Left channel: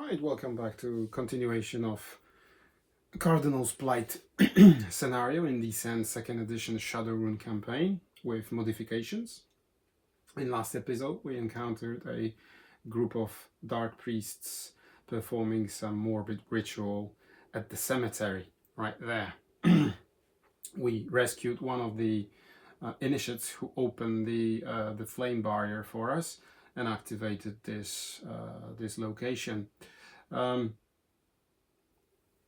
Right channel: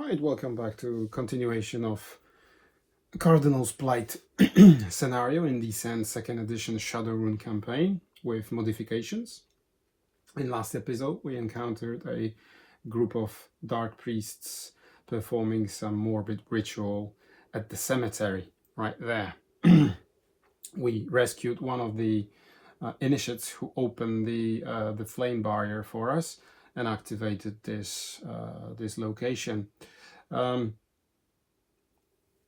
Right, welcome back to continuation of Cardinal's Plight scenario in the Descent 2nd edition Shadow Rune campaign with modifications. In last episode we encountered a group of dark priests performing some morbid ritual at the cemetery right there. We rescued one of the initiates who opened the flame barrier for us and activated this this location.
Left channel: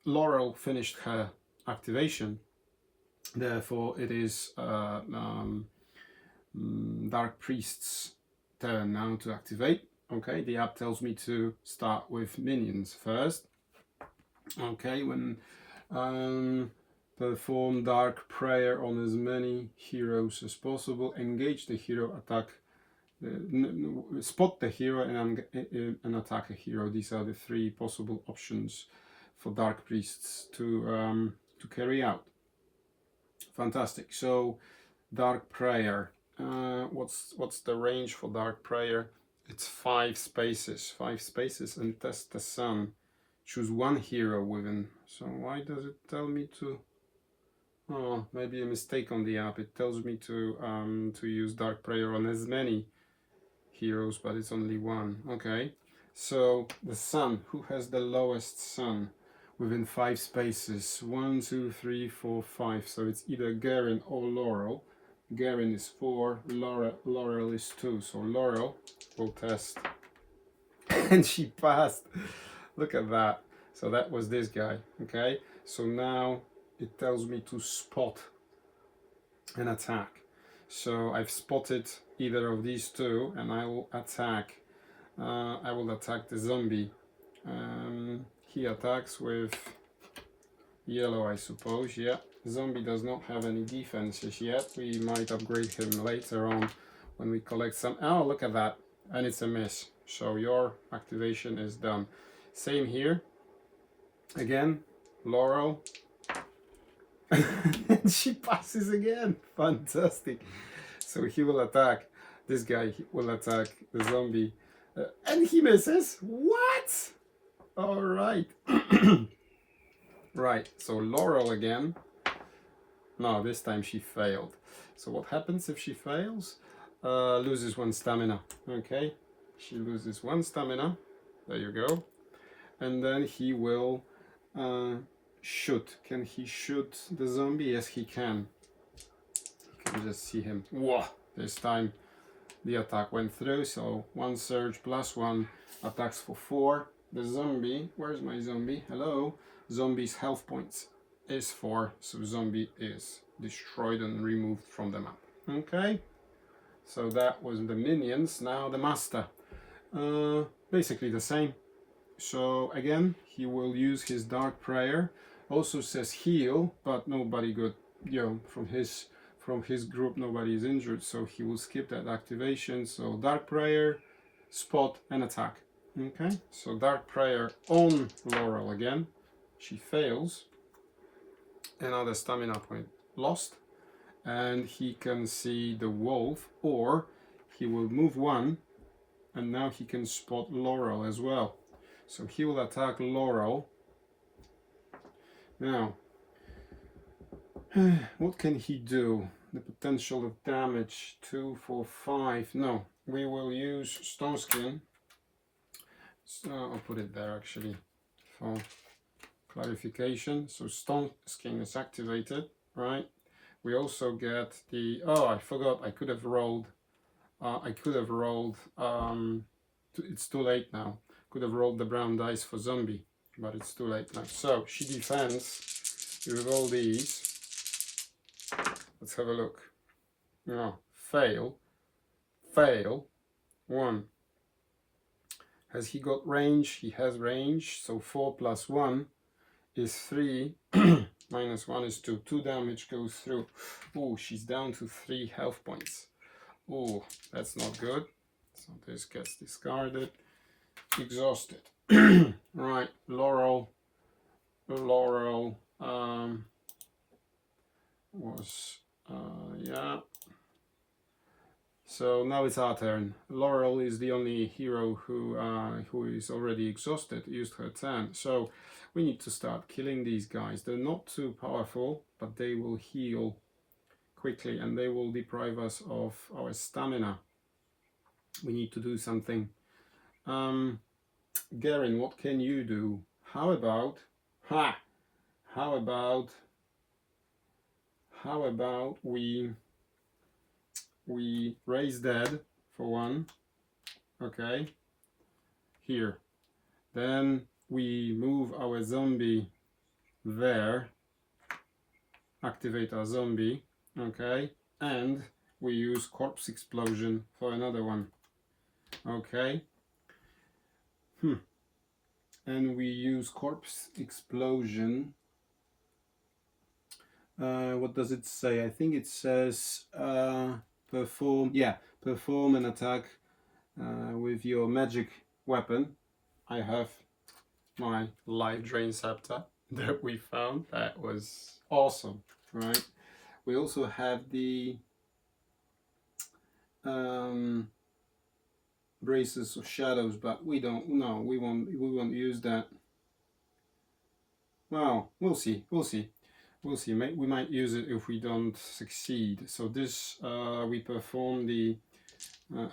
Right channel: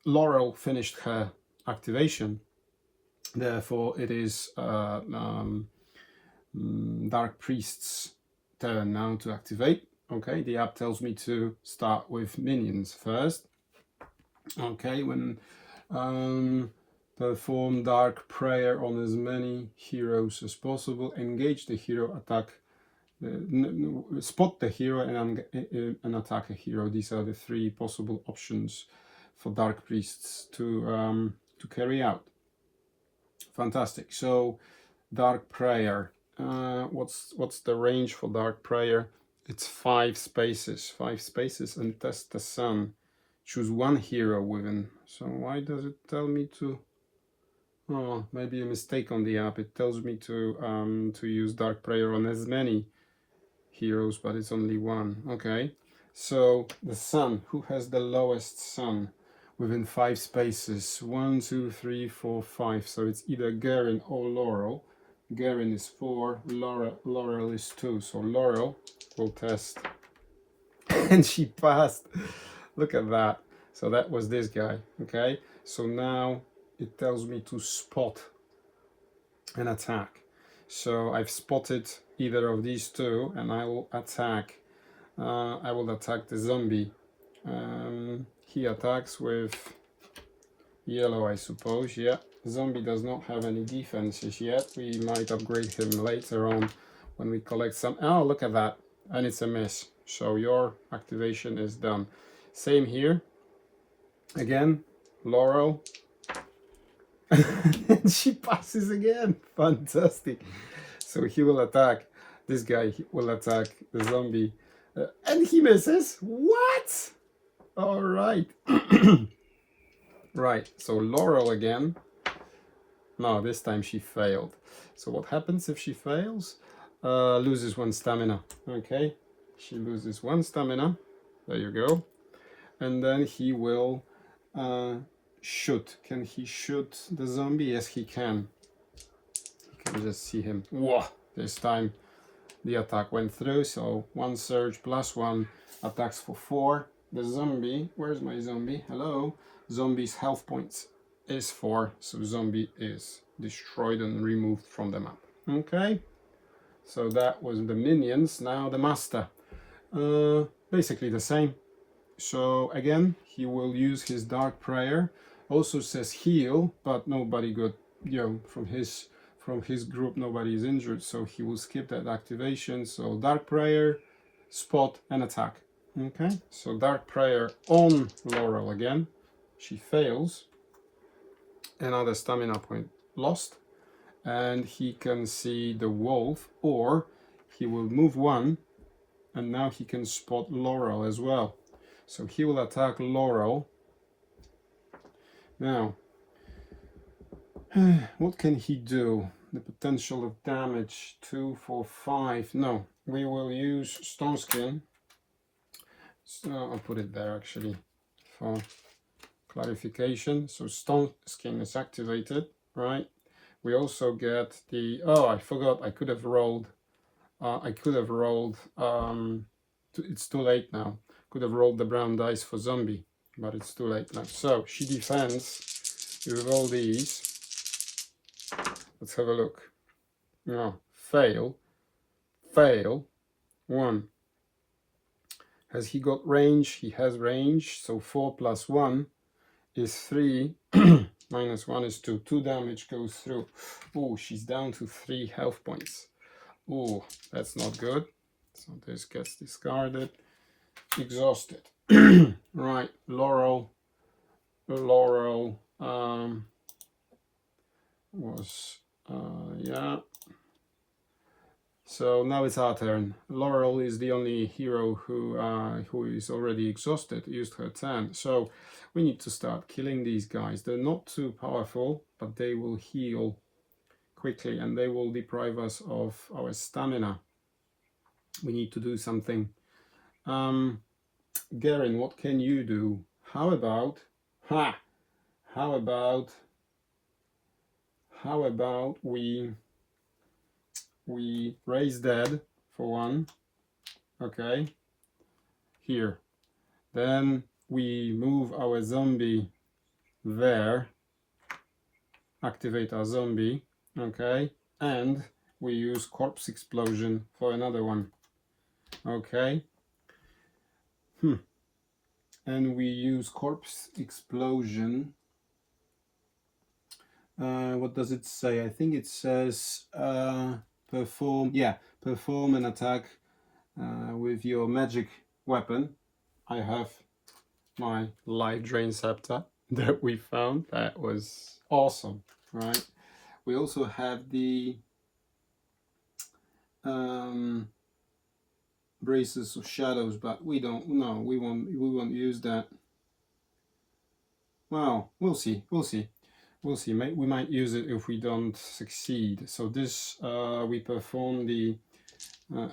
Laurel finished her activation, therefore it is Dark Priest's turn now to activate. Okay, the app tells me to start with minions first. Okay, when perform Dark Prayer on as many heroes as possible, engage the hero, attack, spot the hero and attack a hero. These are the three possible options for Dark Priests to carry out. Fantastic. So Dark Prayer, what's the range for Dark Prayer? It's 5 spaces, and test the sun. Choose one hero within. So why does it tell me to? Oh, maybe a mistake on the app. It tells me to use Dark Prayer on as many heroes, but it's only one. Okay, so the sun. Who has the lowest sun within 5 spaces? 1, 2, 3, 4, 5. So it's either Garen or Laurel. Garen is 4. Laurel is 2. So Laurel will test, and she passed. Look at that. So that was this guy. Okay, so now it tells me to spot and attack. So I've spotted either of these two, and I will attack. I will attack the zombie. He attacks with yellow, I suppose. Yeah, zombie does not have any defenses yet. We might upgrade him later on when we collect some. Oh, look at that, and it's a miss. So your activation is done. Same here. Again, Laurel. And she passes again. Fantastic. So he will attack this guy. He will attack the zombie, and he misses. What? All right. Right. So Laurel again. No, this time she failed. So what happens if she fails? Loses 1 stamina. Okay. She loses 1 stamina. There you go. And then he will shoot. Can he shoot the zombie? Yes, he can. You can just see him. Whoa! This time the attack went through. So 1 surge plus 1 attacks for 4. The zombie, where's my zombie? Hello? Zombie's health points is 4. So zombie is destroyed and removed from the map. Okay. So that was the minions. Now the master. Basically the same. So again, he will use his Dark Prayer. Also says heal, but nobody got, from his group nobody is injured, so he will skip that activation. So Dark Prayer, spot and attack. Okay, so Dark Prayer on Laurel again. She fails. Another stamina point lost, and he can see the wolf, or he will move 1, and now he can spot Laurel as well. So he will attack Laurel. Now, what can he do? The potential of damage, 2, 4, 5. No, we will use Stone Skin. So I'll put it there actually for clarification. So Stone Skin is activated, right? We also get the, oh, I forgot, I could have rolled, it's too late now. Could have rolled the brown dice for zombie, but it's too late now. So she defends with all these. Let's have a look. No, fail, 1. Has he got range? He has range. So 4 plus 1 is 3. Minus 1 is 2. 2 damage goes through. Oh, she's down to 3 health points. Oh, that's not good. So this gets discarded. Exhausted. Right, Laurel was yeah. So now it's our turn. Laurel is the only hero who is already exhausted, used her turn. So we need to start killing these guys. They're not too powerful, but they will heal quickly and they will deprive us of our stamina. We need to do something. Garen, what can you do? How about we raise dead for one, okay, here. Then we move our zombie there, activate our zombie, okay, and we use corpse explosion for another one, okay. And we use corpse explosion. What does it say? I think it says perform an attack with your magic weapon. I have my life drain scepter that we found. That was awesome, right? We also have the braces of shadows, but we won't use that. Well, we'll see. We might use it if we don't succeed. So this we perform the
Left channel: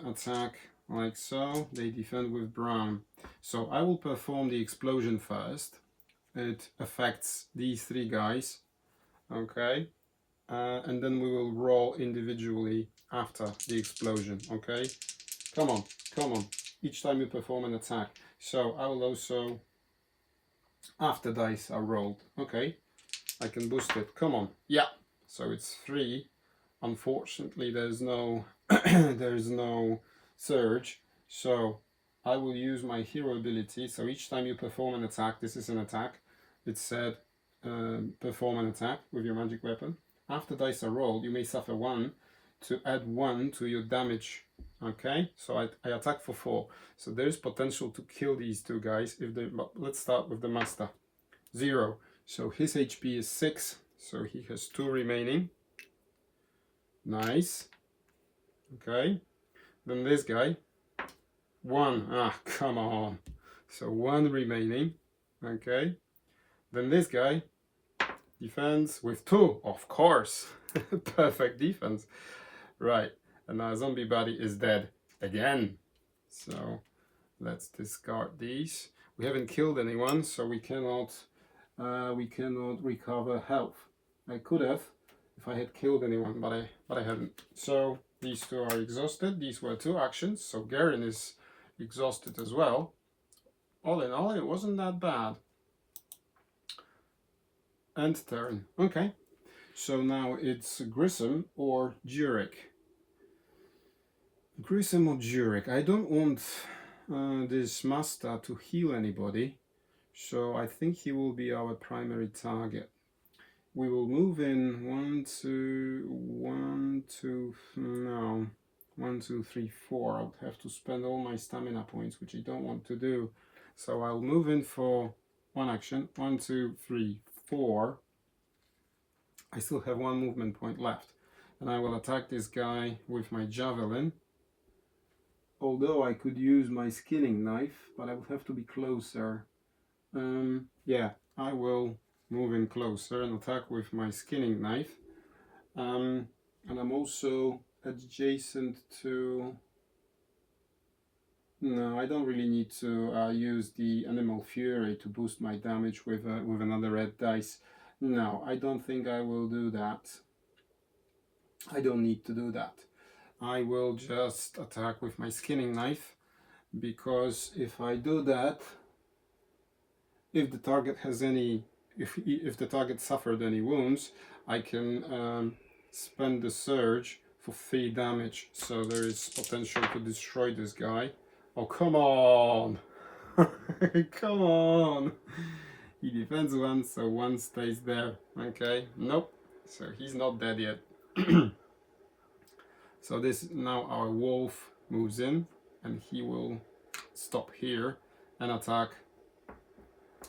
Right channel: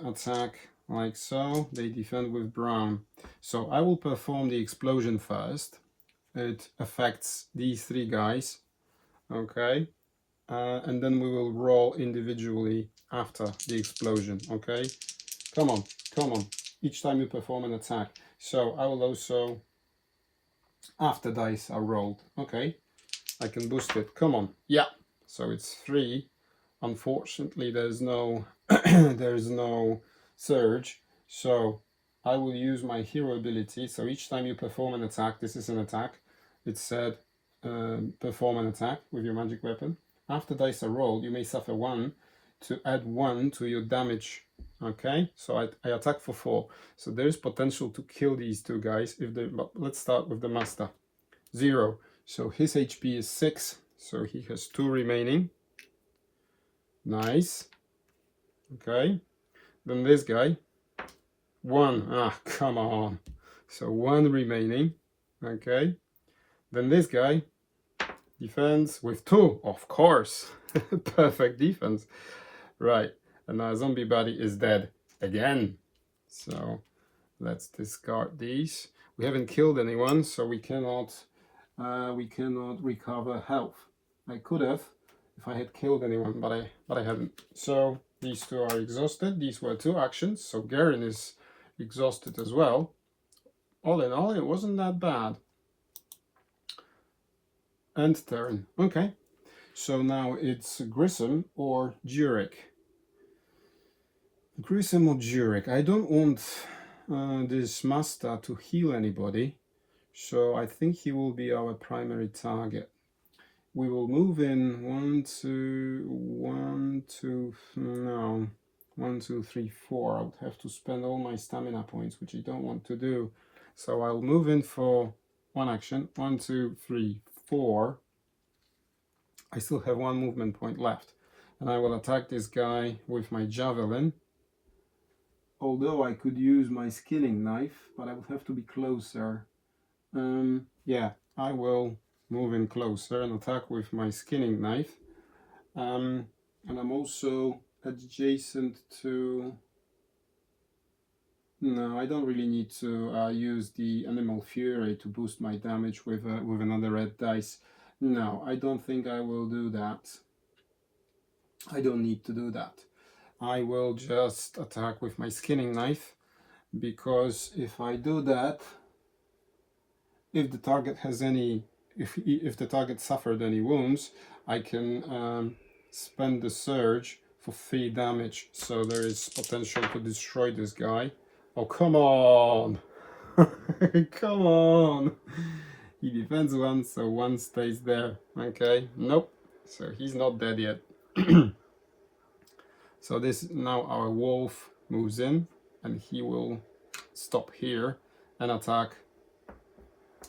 attack like so. They defend with brown. So I will perform the explosion first. It affects these three guys, okay, and then we will roll individually after the explosion, okay. Come on, each time you perform an attack. So I will also, after dice are rolled, okay, I can boost it. Come on, yeah. So it's 3. Unfortunately, there's no there's no surge. So I will use my hero ability. So each time you perform an attack, this is an attack. It said perform an attack with your magic weapon. After dice are rolled, you may suffer 1 to add 1 to your damage. Okay, so I attack for 4. So there is potential to kill these two guys if they. Let's start with the master. 0. So his HP is 6. So he has 2 remaining. Nice. Okay. Then this guy. 1. Ah, come on. So 1 remaining. Okay. Then this guy. Defense with 2. Of course. Perfect defense. Right. And our zombie buddy is dead again. So let's discard these. We haven't killed anyone, so we cannot recover health. I could have if I had killed anyone, but I haven't. So these two are exhausted. These were 2 actions. So Garen is exhausted as well. All in all, it wasn't that bad. End turn. Okay. So now it's Grissom or Jurek. Grissom or Jurek. I don't want this master to heal anybody, so I think he will be our primary target. We will move in 1, 2, 3, 4. I would have to spend all my stamina points, which I don't want to do. So I'll move in for 1 action. 1, 2, 3, 4. I still have 1 movement point left. And I will attack this guy with my javelin. Although I could use my skinning knife, but I would have to be closer. Yeah, I will move in closer and attack with my skinning knife. And I'm also adjacent to... No, I don't really need to use the Animal Fury to boost my damage with another red dice. No, I don't think I will do that. I don't need to do that. I will just attack with my skinning knife, because if I do that, if the target has any, if the target suffered any wounds, I can spend the surge for 3 damage. So there is potential to destroy this guy. Oh, come on! Come on! He defends 1, so 1 stays there. Okay, nope. So he's not dead yet. So this, now our wolf moves in, and he will stop here and attack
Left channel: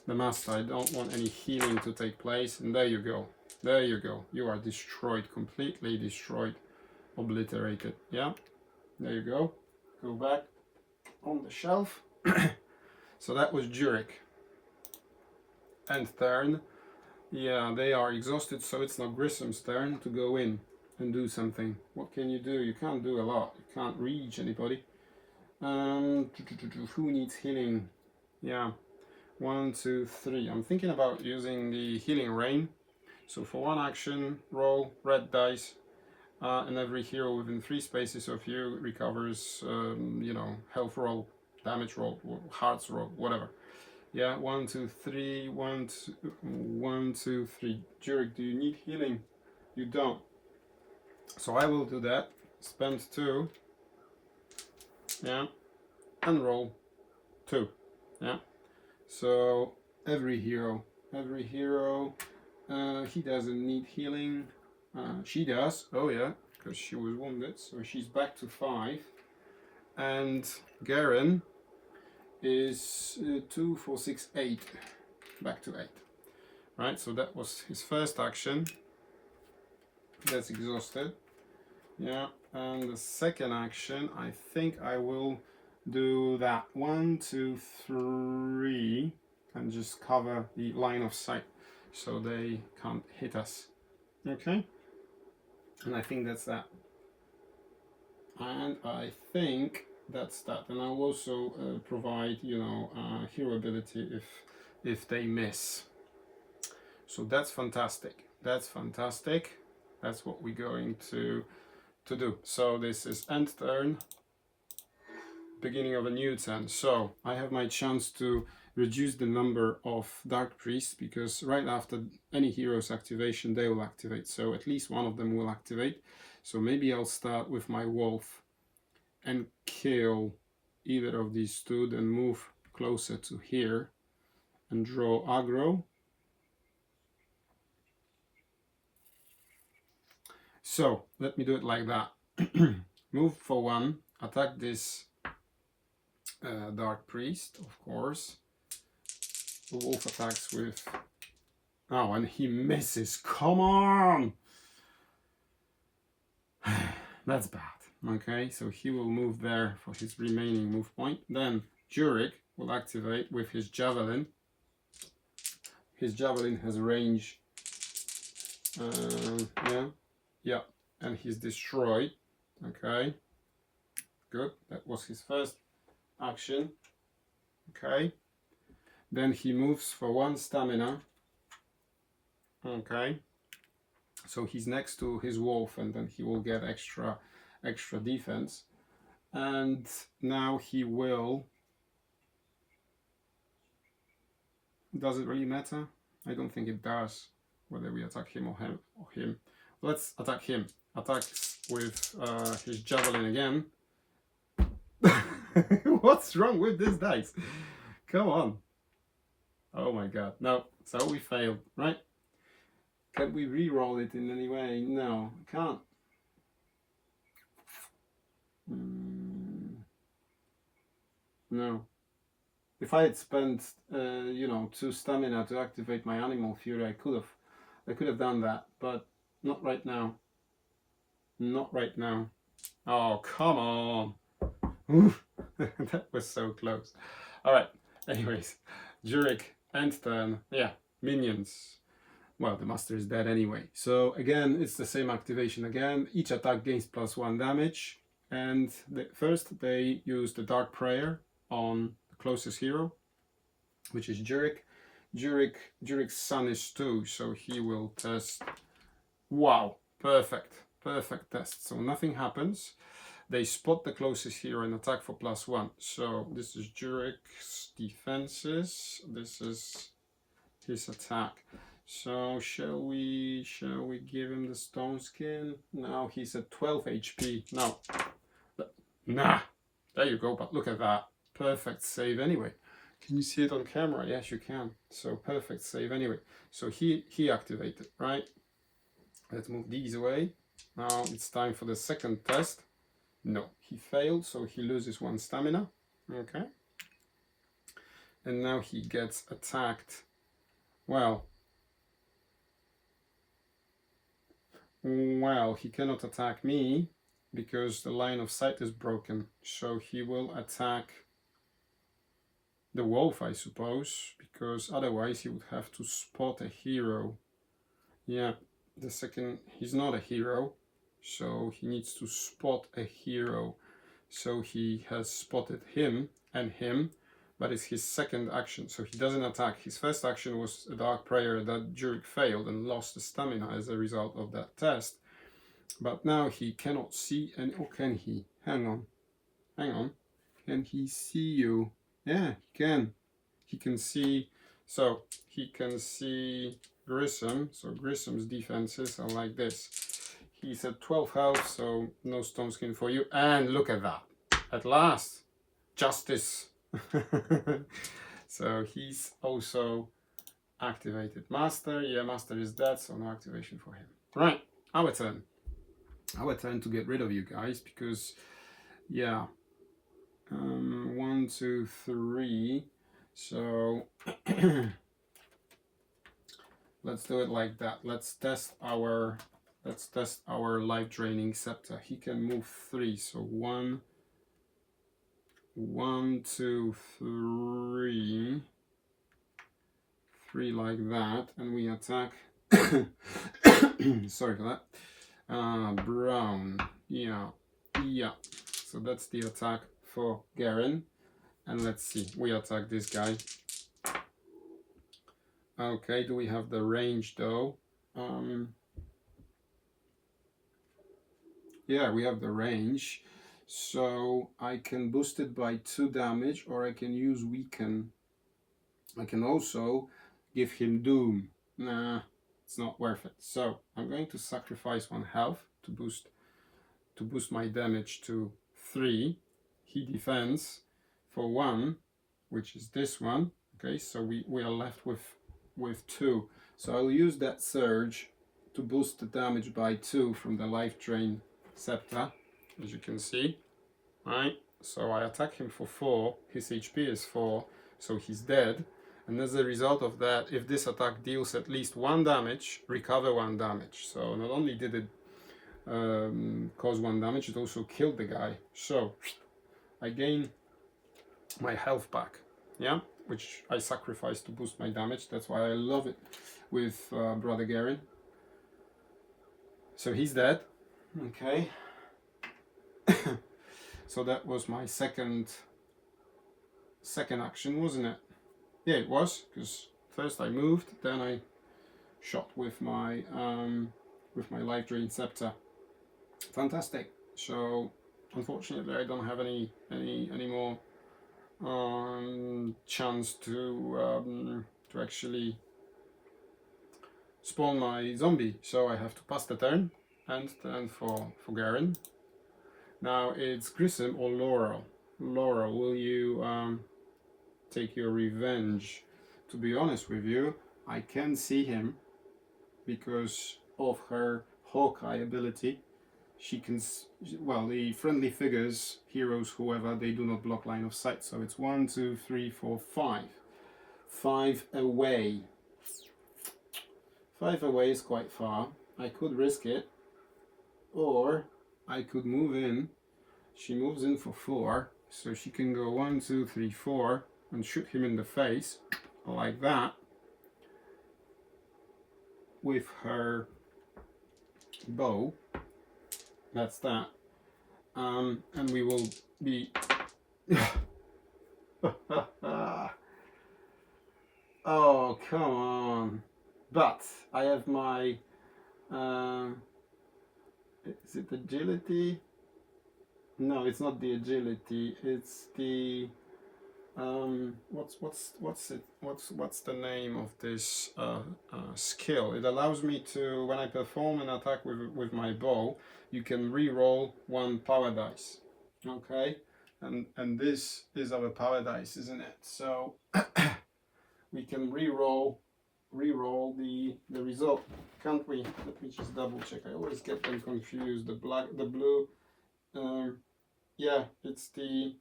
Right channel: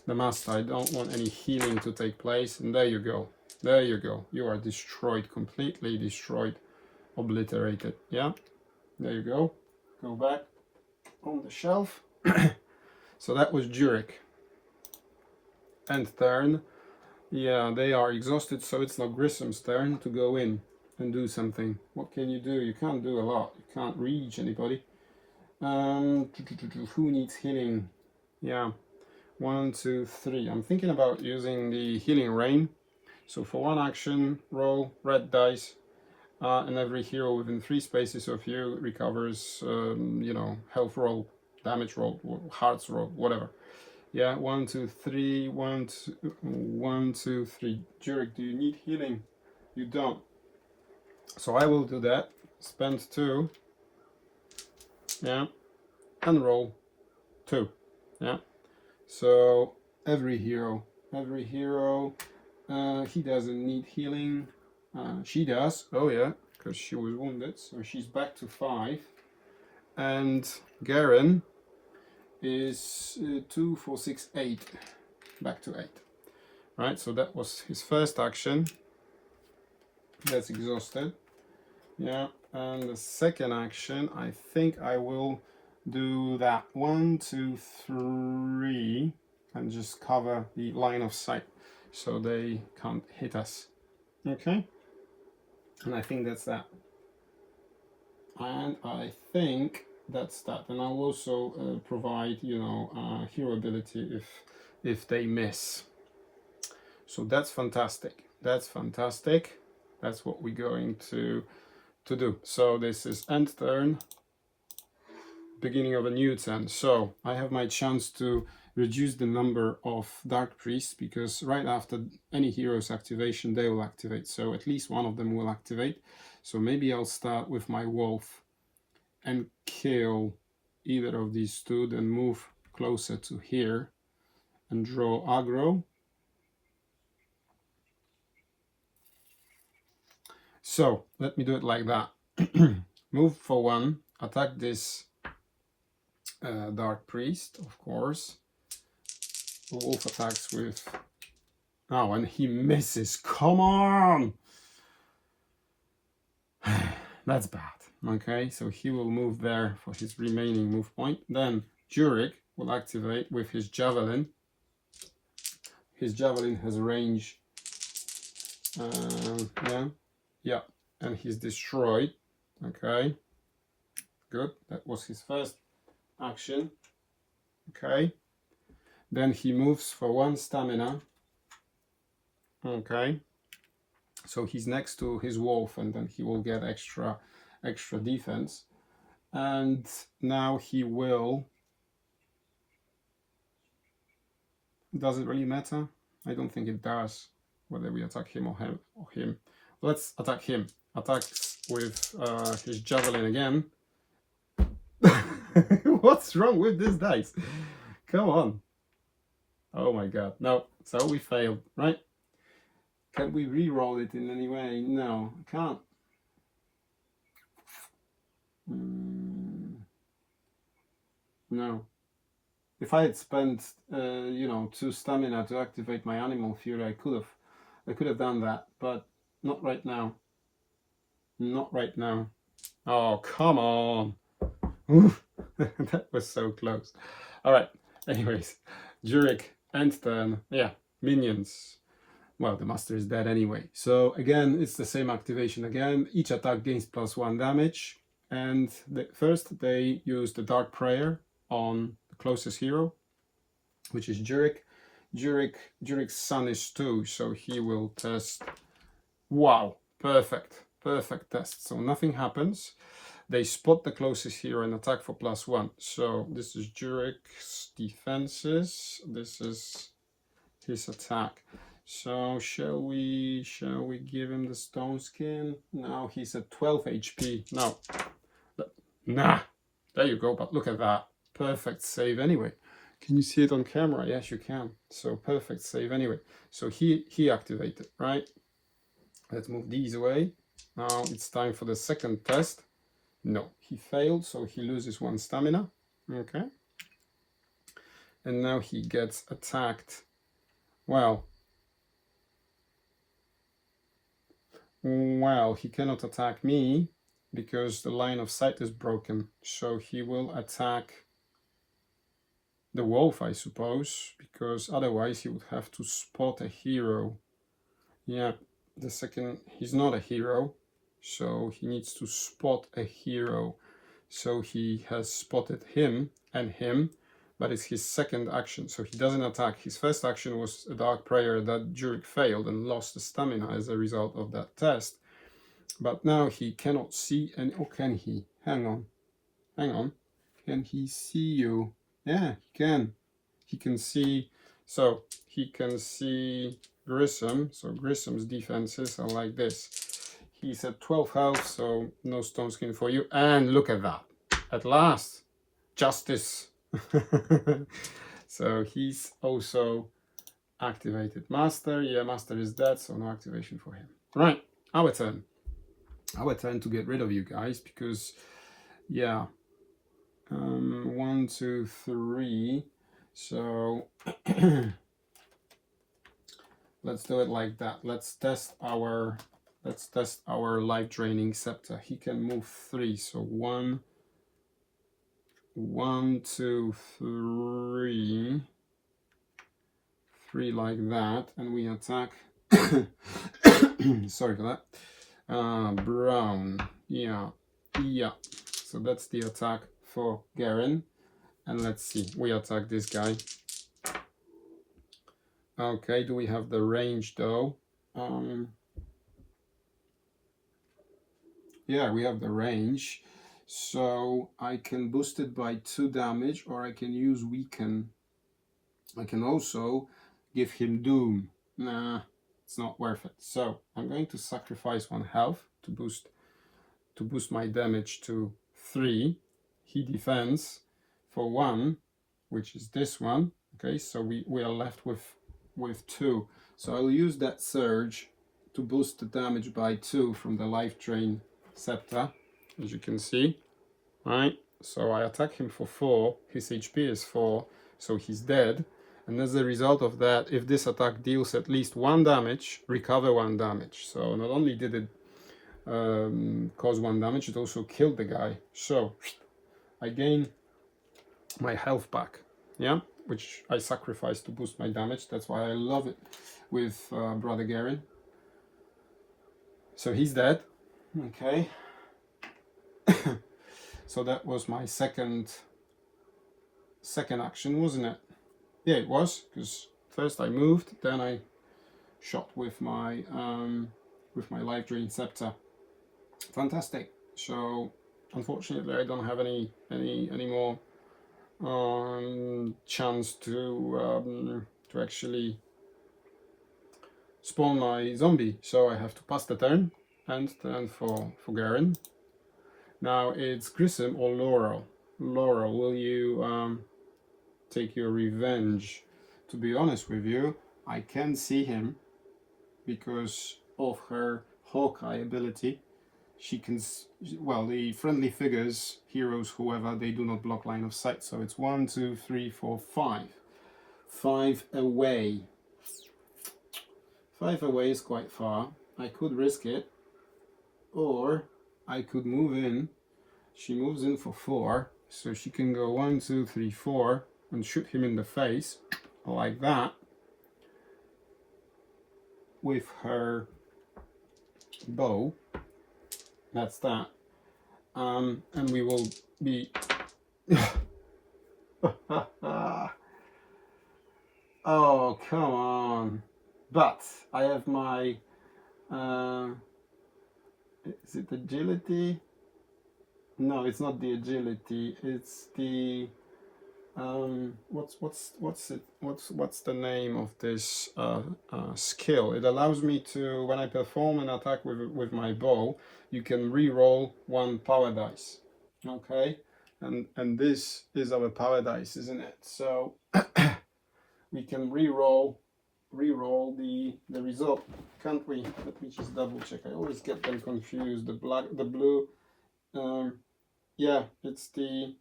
the master. I don't want any healing to take place. And there you go. There you go. You are destroyed, completely destroyed, obliterated. Yeah? There you go. Go back on the shelf. So that was Jurek. End turn. Yeah, they are exhausted, so it's now Grissom's turn to go in and do something. What can you do? You can't do a lot. You can't reach anybody. Who needs healing? Yeah, 1, 2, 3. I'm thinking about using the healing rain. So for one action, roll red dice, and every hero within 3 spaces of you recovers, you know, health roll, damage roll, hearts roll, whatever. Yeah, 1, 2, 3, 1, 2, 1, 2, 3. Jurek, do you need healing? You don't. So I will do that. Spend 2. Yeah, and roll 2. Yeah. So every hero, he doesn't need healing. She does. Oh yeah, because she was wounded, so she's back to 5. And Garen is 2, 4, 6, 8, back to 8. Right. So that was his first action. That's exhausted. Yeah. And the second action, I think I will do that 1, 2, 3, and just cover the line of sight so they can't hit us. Okay, and I think that's that. And I think that's that. And I'll also provide, you know, hero ability if they miss. So that's fantastic. That's fantastic. That's what we're going to do. So this is end turn, beginning of a new turn. So I have my chance to reduce the number of Dark Priests, because right after any hero's activation they will activate, so at least one of them will activate. So maybe I'll start with my wolf and kill either of these two, then move closer to here and draw aggro. So let me do it like that. Move for 1, attack this Dark Priest, of course. The wolf attacks with... Oh, and he misses. Come on! That's bad. Okay, so he will move there for his remaining move point. Then Jurek will activate with his javelin. His javelin has range. Yeah, and he's destroyed. Okay, good. That was his first action. Okay, then he moves for 1 stamina. Okay, so he's next to his wolf, and then he will get extra defense. And now he will... Does it really matter? I don't think it does whether we attack him or him. Let's attack him. Attacks with his javelin again. What's wrong with this dice? Come on. Oh my god. No. So we failed, right? Can we re-roll it in any way? No, can't. No. If I had spent, you know, 2 stamina to activate my animal fury, I could have done that, but not right now. Not right now. Oh, come on. That was so close. All right. Anyways, Jurek, end turn. Yeah, minions. Well, the master is dead anyway. So again, it's the same activation again. Each attack gains +1 damage. And first they use the Dark Prayer on the closest hero, which is Jurek. Jurek's son is 2, so he will test. Wow, perfect test. So nothing happens. They spot the closest hero and attack for +1. So this is Jurek's defenses. This is his attack. So shall we give him the stone skin? No, he's at 12 HP. No. Nah. There you go, but look at that. Perfect save anyway. Can you see it on camera? Yes, you can. So perfect save anyway. So he activated, right? Let's move these away. Now it's time for the second test. No, he failed, so he loses 1 stamina. Okay. And now he gets attacked. Wow. Well, he cannot attack me. because the line of sight is broken. So he will attack the wolf, I suppose, because otherwise he would have to spot a hero. Yeah, the second, he's not a hero, so he needs to spot a hero. So he has spotted him and him, but it's his second action, so he doesn't attack. His first action was a Dark Prayer that Jurek failed and lost the stamina as a result of that test. But now he cannot see, and oh, can he? Hang on. Can he see you? Yeah, he can. He can see, so he can see Grissom. So Grissom's defenses are like this. He's at 12 health, so no stone skin for you. And look at that. At last, justice. So he's also activated Master. Yeah, Master is dead, so no activation for him. Right, our turn. Our turn to get rid of you guys, because, yeah, 1, 2, 3. So let's do it like that. Let's test our life draining scepter. He can move 3. So 1, 2, 3. 3 like that, and we attack. Sorry for that. Brown. Yeah. So that's the attack for Garen. And let's see, we attack this guy. Okay, do we have the range though? Yeah, we have the range. So I can boost it by 2 damage, or I can use weaken. I can also give him doom. Nah, it's not worth it. So I'm going to sacrifice 1 health to boost my damage to 3. He defends for 1, which is this one. Okay, so we are left with 2. So I'll use that surge to boost the damage by 2 from the life drain scepter, as you can see. Right, so I attack him for 4. His HP is 4, so he's dead. And as a result of that, if this attack deals at least 1 damage, recover 1 damage. So not only did it cause 1 damage, it also killed the guy. So I gain my health back, yeah, which I sacrificed to boost my damage. That's why I love it with Brother Garen. So he's dead. Okay. So that was my second action, wasn't it? Yeah, it was, because first I moved, then I shot with my life drain scepter. Fantastic. So unfortunately I don't have any more chance to actually spawn my zombie, so I have to pass the turn and turn for Garen. Now it's Grissom or Laurel. Laurel, will you take your revenge? To be honest with you, I can see him because of her Hawkeye ability. She can, well, the friendly figures, heroes, whoever, they do not block line of sight. So it's 1, 2, 3, 4, 5. 5 away. 5 away is quite far. I could risk it, or I could move in. She moves in for 4, so she can go 1, 2, 3, 4 and shoot him in the face like that with her bow. That's that. And we will be oh, come on. But I have my is it agility? No, it's not the agility. It's the what's the name of this skill? It allows me to, when I perform an attack with my bow, you can re-roll 1 power dice. Okay, and this is our power dice, isn't it? So we can re-roll the result, can't we? Let me just double check. I always get them confused. The blue. Yeah, it's the.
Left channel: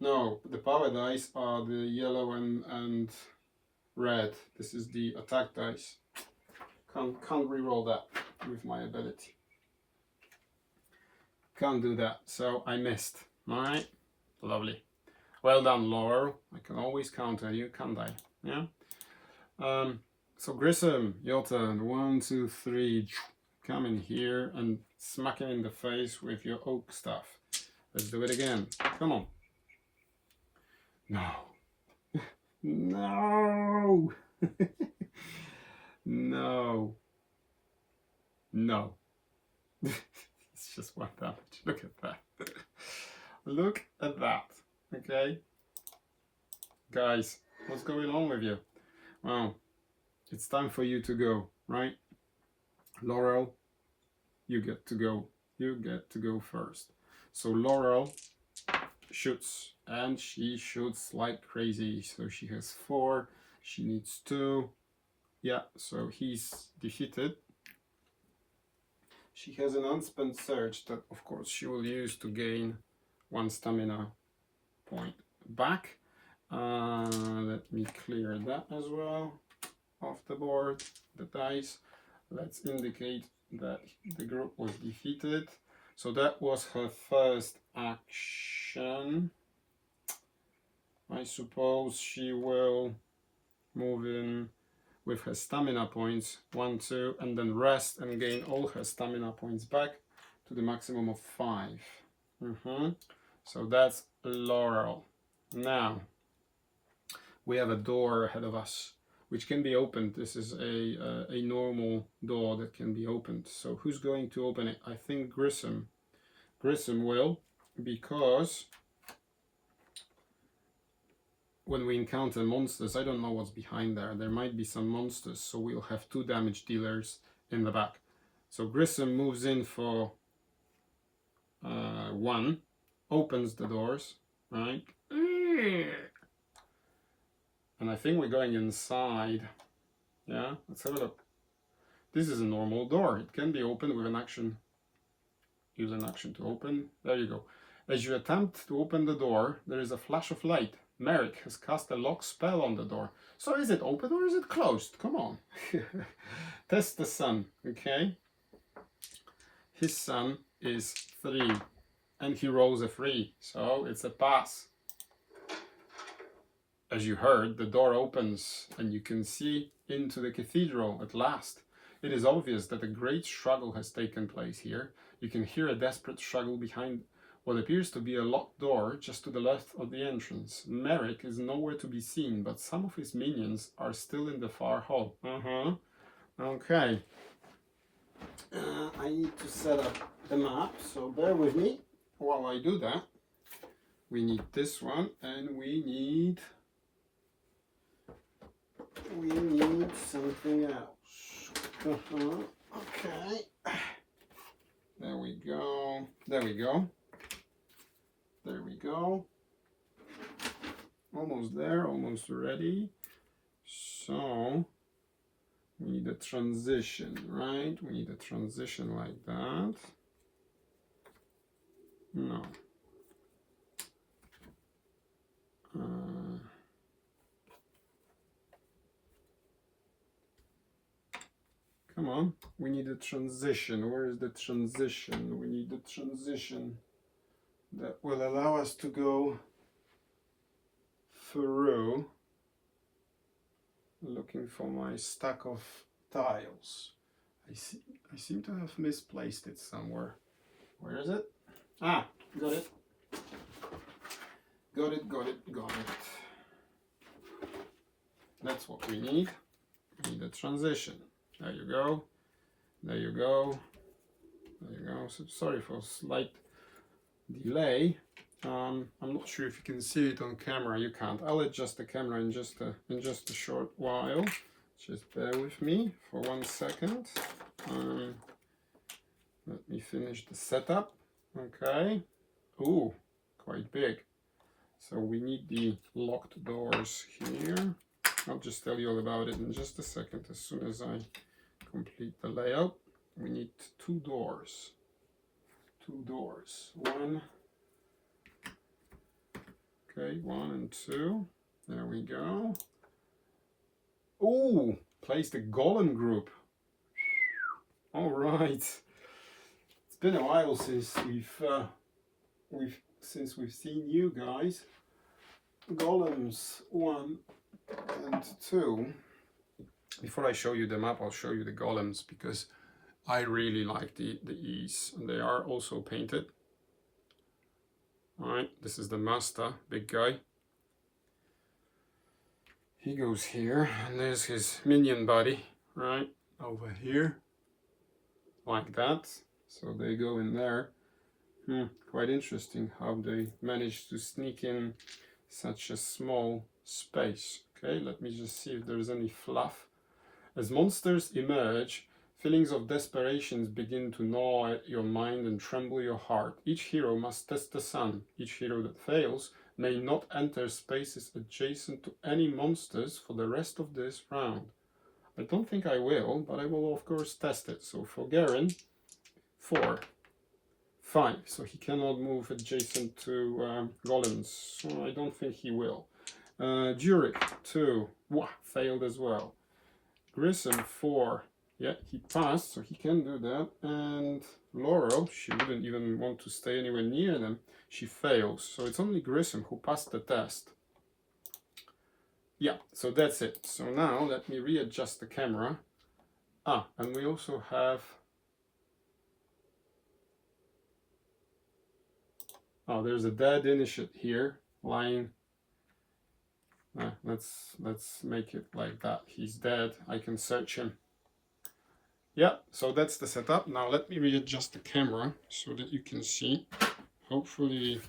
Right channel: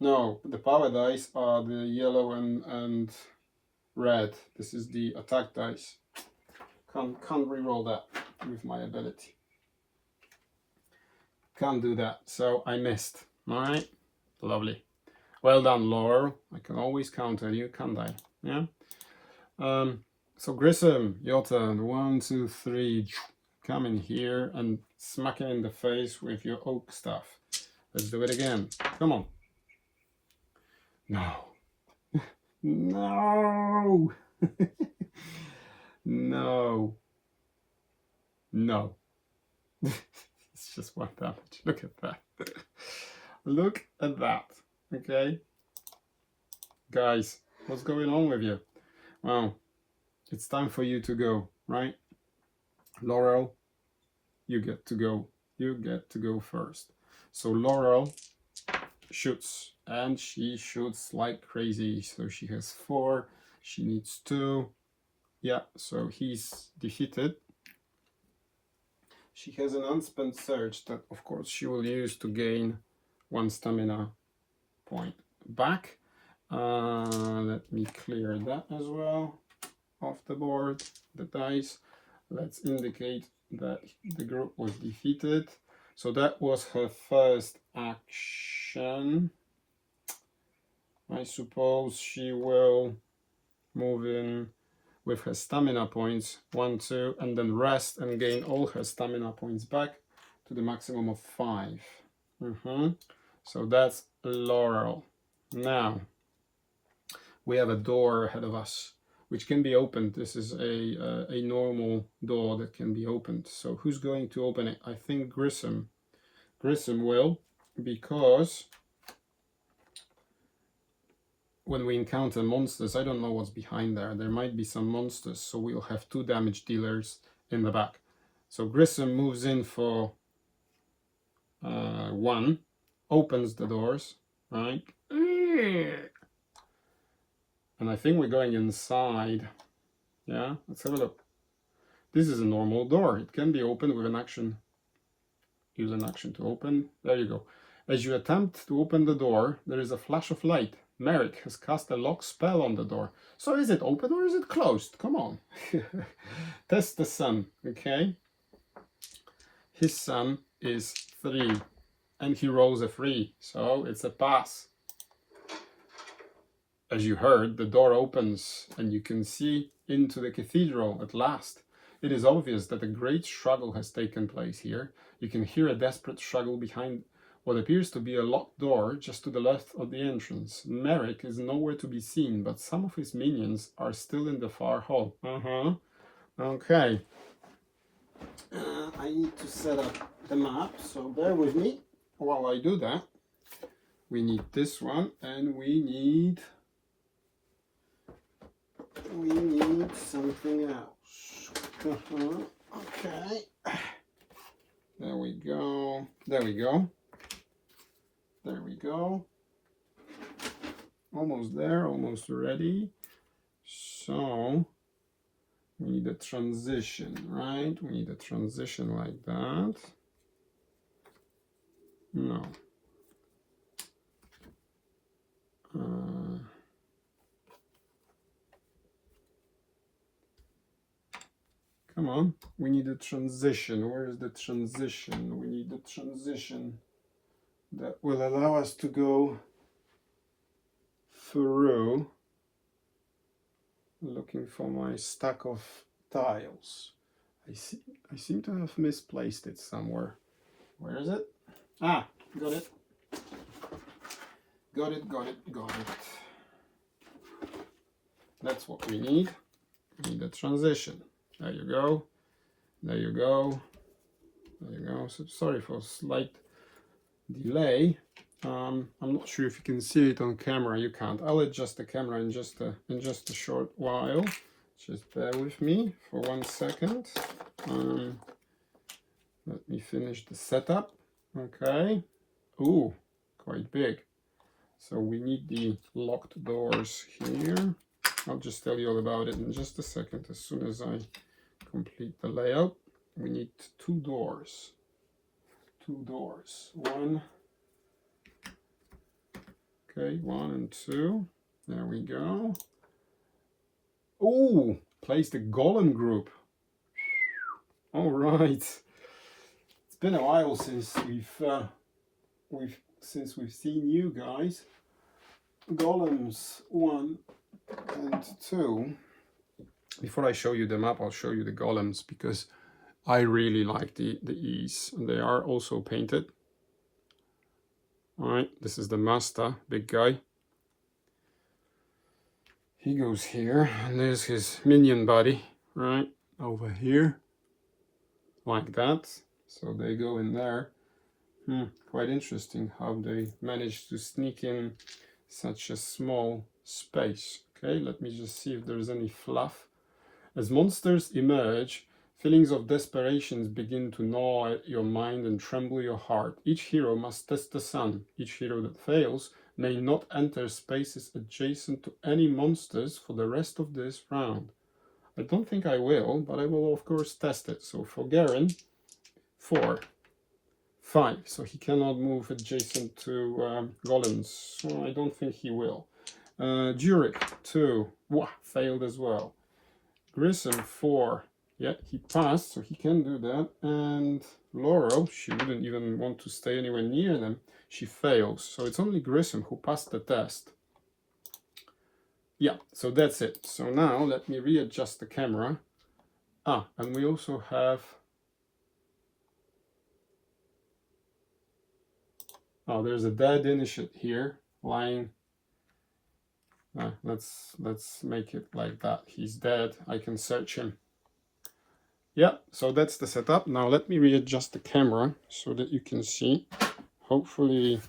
No, the power dice are the yellow and red. This is the attack dice. Can't re-roll that with my ability. Can't do that, so I missed. All right, lovely. Well done, Laurel. I can always counter you, can't I? Yeah. So Grissom, your turn. 1, 2, 3. Come in here and smack it in the face with your oak stuff. Let's do it again. Come on. No. No. No. No. It's just 1 damage. Look at that. Look at that. Okay. Guys, what's going on with you? Well, it's time for you to go, right? Laurel, you get to go. You get to go first. So Laurel shoots, and she shoots like crazy. So she has 4. She needs 2. Yeah, so he's defeated. She has an unspent surge that, of course, she will use to gain 1 stamina point back. Let me clear that as well off the board, the dice. Let's indicate that the group was defeated. So that was her first action. I suppose she will move in with her stamina points, 1, 2, and then rest and gain all her stamina points back to the maximum of 5. So that's Laurel. Now, we have a door ahead of us, which can be opened. This is a normal door that can be opened. So who's going to open it? I think Grissom. Grissom will, because when we encounter monsters, I don't know what's behind there. There might be some monsters, so we'll have 2 damage dealers in the back. So Grissom moves in for 1, opens the doors, right? And I think we're going inside. Yeah, let's have a look. This is a normal door. It can be opened with an action. Use an action to open. There you go. As you attempt to open the door, there is a flash of light. Merrick has cast a lock spell on the door. So is it open or is it closed? Come on. Test the sun, okay? His sun is 3. And he rolls a 3. So it's a pass. As you heard, the door opens and you can see into the cathedral at last. It is obvious that a great struggle has taken place here. You can hear a desperate struggle behind what appears to be a locked door just to the left of the entrance. Merrick is nowhere to be seen, but some of his minions are still in the far hall. Okay. I need to set up the map, so bear with me while I do that. We need this one, and we need something else. Okay. There we go. There we go. There we go. Almost there, almost ready. So we need a transition, right? We need a transition like that. No. Come on, we need a transition. Where is the transition? We need the transition that will allow us to go through. Looking for my stack of tiles. I seem to have misplaced it somewhere. Where is it? Ah, got it. Got it. That's what we need. We need a transition. There you go. There you go. There you go. So sorry for a slight delay. I'm not sure if you can see it on camera. You can't. I'll adjust the camera in just a short while. Just bear with me for 1 second. Let me finish the setup. Okay. Ooh, quite big. So we need the locked doors here. I'll just tell you all about it in just a second. As soon as I complete the layout, we need 2 doors. 2 doors. 1. Okay, 1 and 2. There we go. Ooh, place the golem group. All right. It's been a while since we've seen you guys. Golems 1 and 2. Before I show you the map, I'll show you the golems, because I really like the ease. They are also painted. Alright, this is the master, big guy. He goes here, and there's his minion body, right, over here, like that. So they go in there. Quite interesting how they managed to sneak in such a small space. Okay, let me just see if there's any fluff. As monsters emerge, feelings of desperation begin to gnaw at your mind and tremble your heart. Each hero must test the sun. Each hero that fails may not enter spaces adjacent to any monsters for the rest of this round. I don't think I will, but I will of course test it. So for Garen, 4, 5. So he cannot move adjacent to golems. So I don't think he will. Jurek, 2. Wah, failed as well. Grissom, 4. Yeah, he passed, so he can do that. And Laurel, she wouldn't even want to stay anywhere near them. She fails. So it's only Grissom who passed the test. Yeah, so that's it. So now let me readjust the camera. And we also have... Oh, there's a dead initiate here, lying. Let's make it like that. He's dead. I can search him. Yeah, so that's the setup. Now let me readjust the camera so that you can see. Hopefully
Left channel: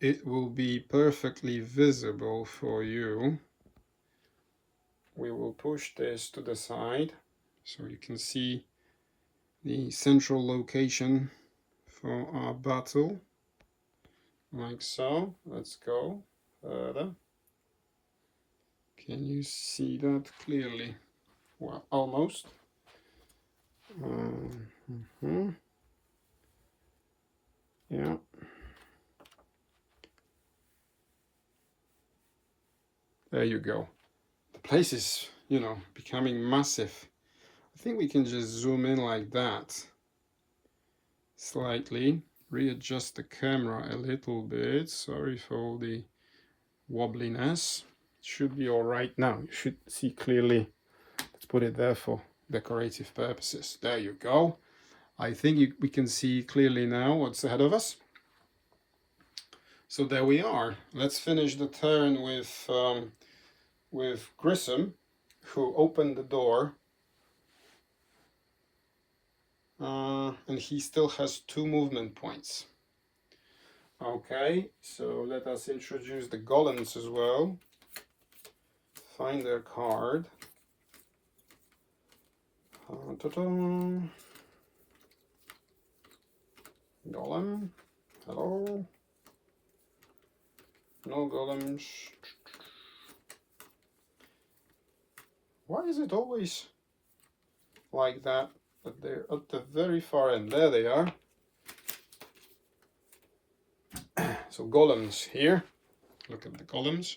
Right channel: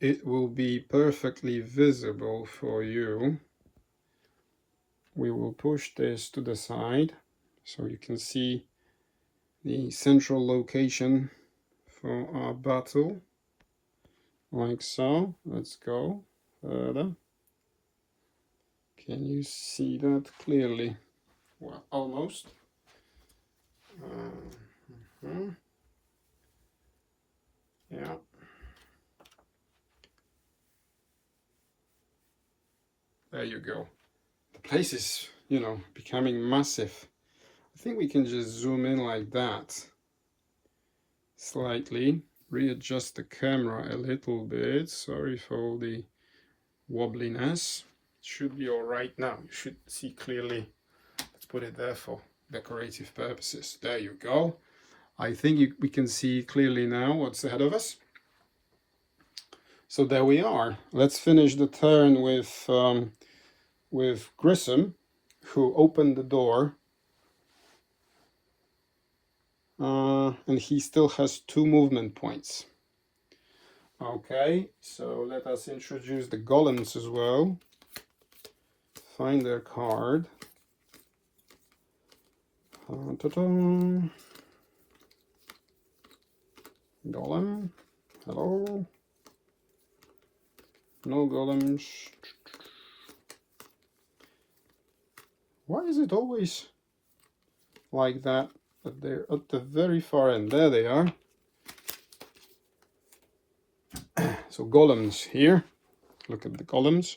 it will be perfectly visible for you. We will push this to the side so you can see the central location for our battle, like so. Let's go further. Can you see that clearly? Well, almost. Yeah. There you go. The place is, you know, becoming massive. I think we can just zoom in like that. Slightly. Readjust the camera a little bit. Sorry for all the wobbliness. It should be all right now. You should see clearly. Let's put it there for decorative purposes. There you go. I think we can see clearly now what's ahead of us. So there we are. Let's finish the turn with Grissom, who opened the door. And he still has 2 movement points. Okay, so let us introduce the golems as well. Find their card. Golem. Hello. No golems. Why is it always like that? But they're at the very far end. There they are. So golems here. Look at the golems.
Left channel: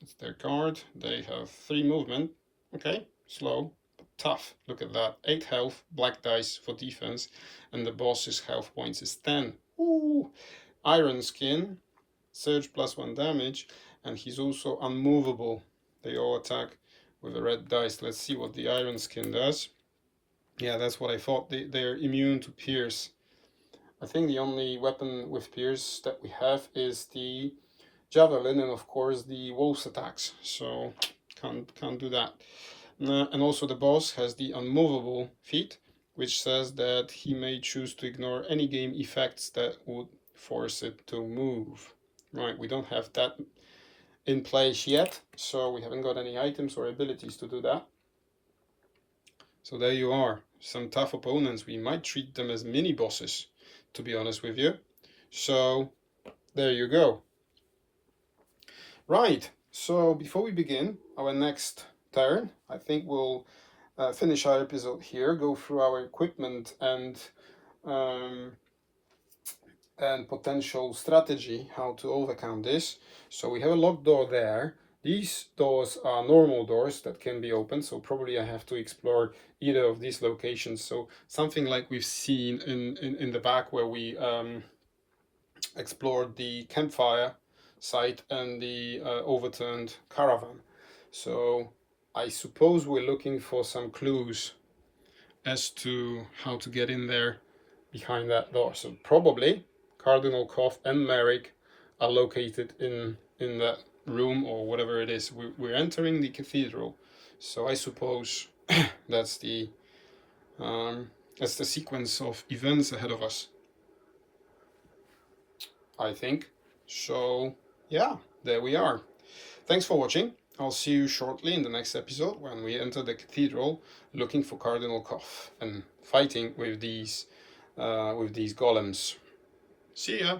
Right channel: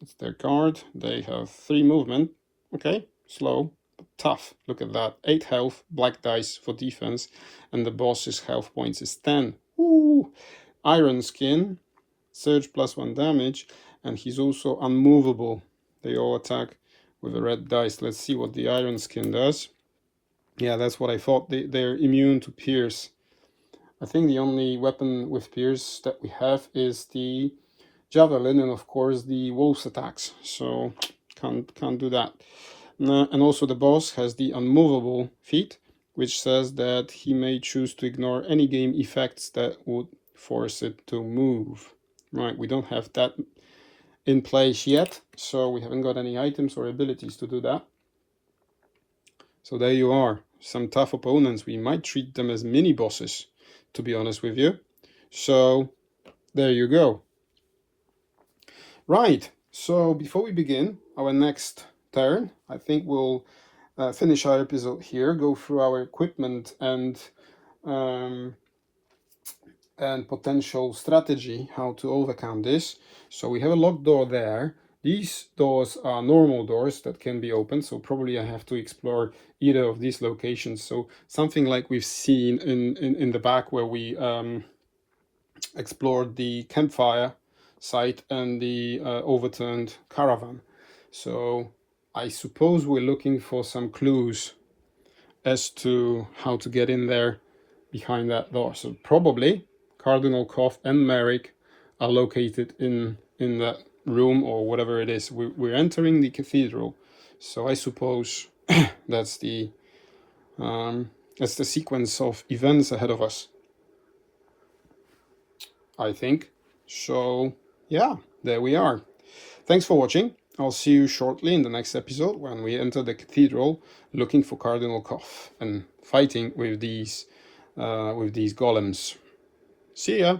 It's their card. They have 3 movement. Okay, slow, but tough. Look at that. 8 health, black dice for defense, and the boss's health points is 10. Ooh. Iron skin, surge +1 damage, and he's also unmovable. They all attack with a red dice. Let's see what the iron skin does. Yeah, that's what I thought. They're immune to pierce. I think the only weapon with pierce that we have is the javelin, and of course the wolf's attacks. So can't do that. And also the boss has the unmovable feat, which says that he may choose to ignore any game effects that would force it to move. Right, we don't have that in place yet, so we haven't got any items or abilities to do that. So there you are. Some tough opponents. We might treat them as mini bosses, to be honest with you. So there you go. Right, so before we begin our next turn, I think we'll finish our episode here, go through our equipment and potential strategy, how to overcome this. So we have a locked door there. These doors are normal doors that can be opened, so probably I have to explore either of these locations. So something like we've seen in the back where we explored the campfire site and the overturned caravan. So I suppose we're looking for some clues as to how to get in there behind that door. So probably Cardinal Koff and Merrick are located in that room or whatever it is. We're entering the cathedral, so I suppose that's the sequence of events ahead of us, I think. So yeah, there we are. Thanks for watching. I'll see you shortly in the next episode when we enter the cathedral looking for Cardinal Koff and fighting with these golems. See ya!